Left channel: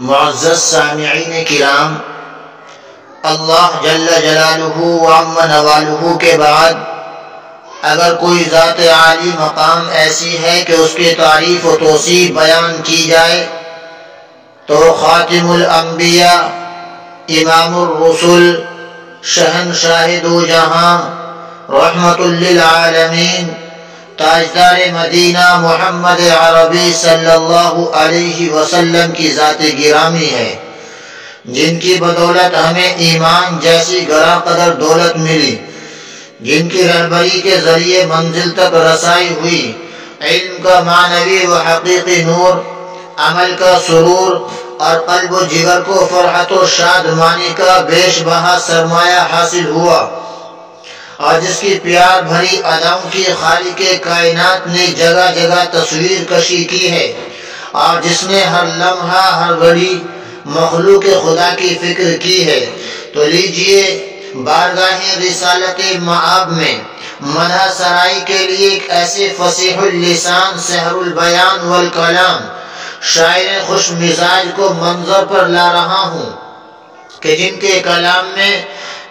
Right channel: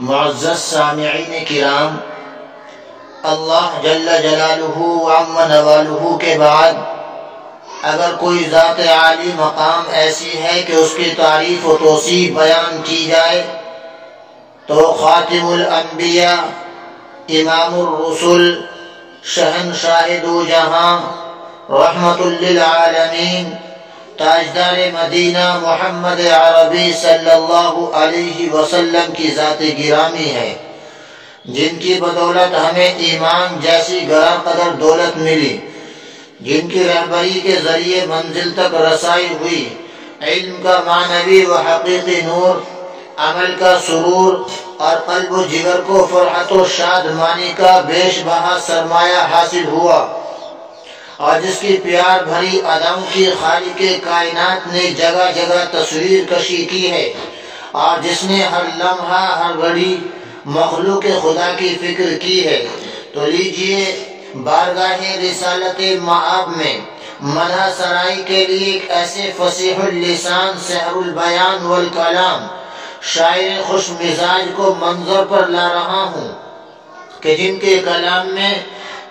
معزز سامعین کرام، اللہ جل جلالہ و عم نوالہ کے بعد اگر کوئی ذات عالی مقام ایسی ہے کہ اس کی تعریف و توصیف بیان کی جائے تو خاتم الانبیاء، امام الرسل، شہنشاہ دو جہاں، رحمت للعالمین، تاجدار مدینہ محمد عربی صلی اللہ علیہ وسلم کی ذات گرامی ہے، جن کی بدولت ہمیں ایمان جیسی گراں قدر دولت ملی، جن کی رہبری کے ذریعے منزل تک رسائی ہوئی، علم کا معنوی و حقیقی نور، عمل کا سرور اور قلب و جگر کو فرحت و شادمانی کا بیش بہا سرمایہ حاصل ہوا، اور جس کی پیار بھری اداؤں کی خالق کائنات نے جگہ جگہ تصویر کشی کی ہے، اور جس نے ہر لمحہ ہر گھڑی مخلوق خدا کی فکر کی ہے، تو لیجئے بارگاہ رسالت مآب میں مدح سرائی کے لیے ایک ایسے فصیح اللسان سحر البیان والکلام شاعر خوش مزاج کو منظر پر لا رہا ہوں کہ جن کے کلام میں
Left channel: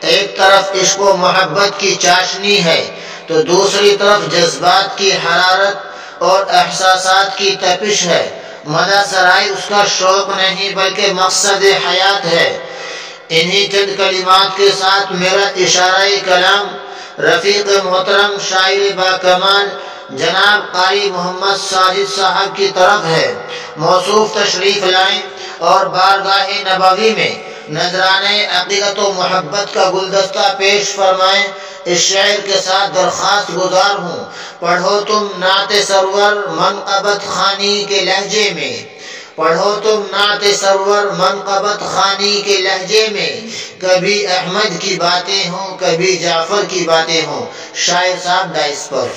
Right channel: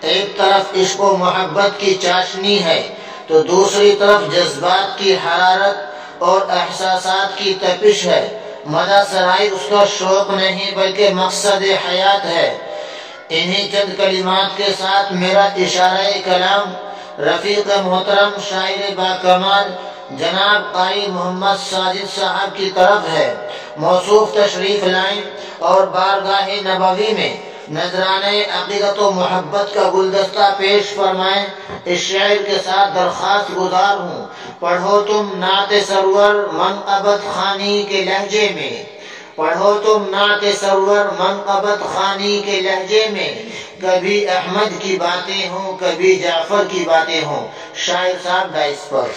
ایک طرف عشق و محبت کی چاشنی ہے تو دوسری طرف جذبات کی حرارت اور احساسات کی تپش ہے۔ مدح سرائی اس کا شوق نہیں بلکہ مقصد حیات ہے۔ انہی چند کلمات کے ساتھ میرا اشارہ کلام رفیق محترم شاعر با کمال جناب قاری محمد ساجد صاحب کی طرف ہے۔ موصوف تشریف لائیں اور بارگاہ نبوی میں نذرانے عقیدت و محبت کا گلدستہ پیش فرمائیں۔ اس شعر کے ساتھ درخواست گزار ہوں، پڑھو تم نعت سرور منقبت خوانی کے لہجے میں، پڑھو تم نعت سرور منقبت خوانی کے لہجے میں، کبھی احمد کی باتیں ہوں کبھی جعفر کی باتیں ہوں۔ شاعر صاحب ڈائس پر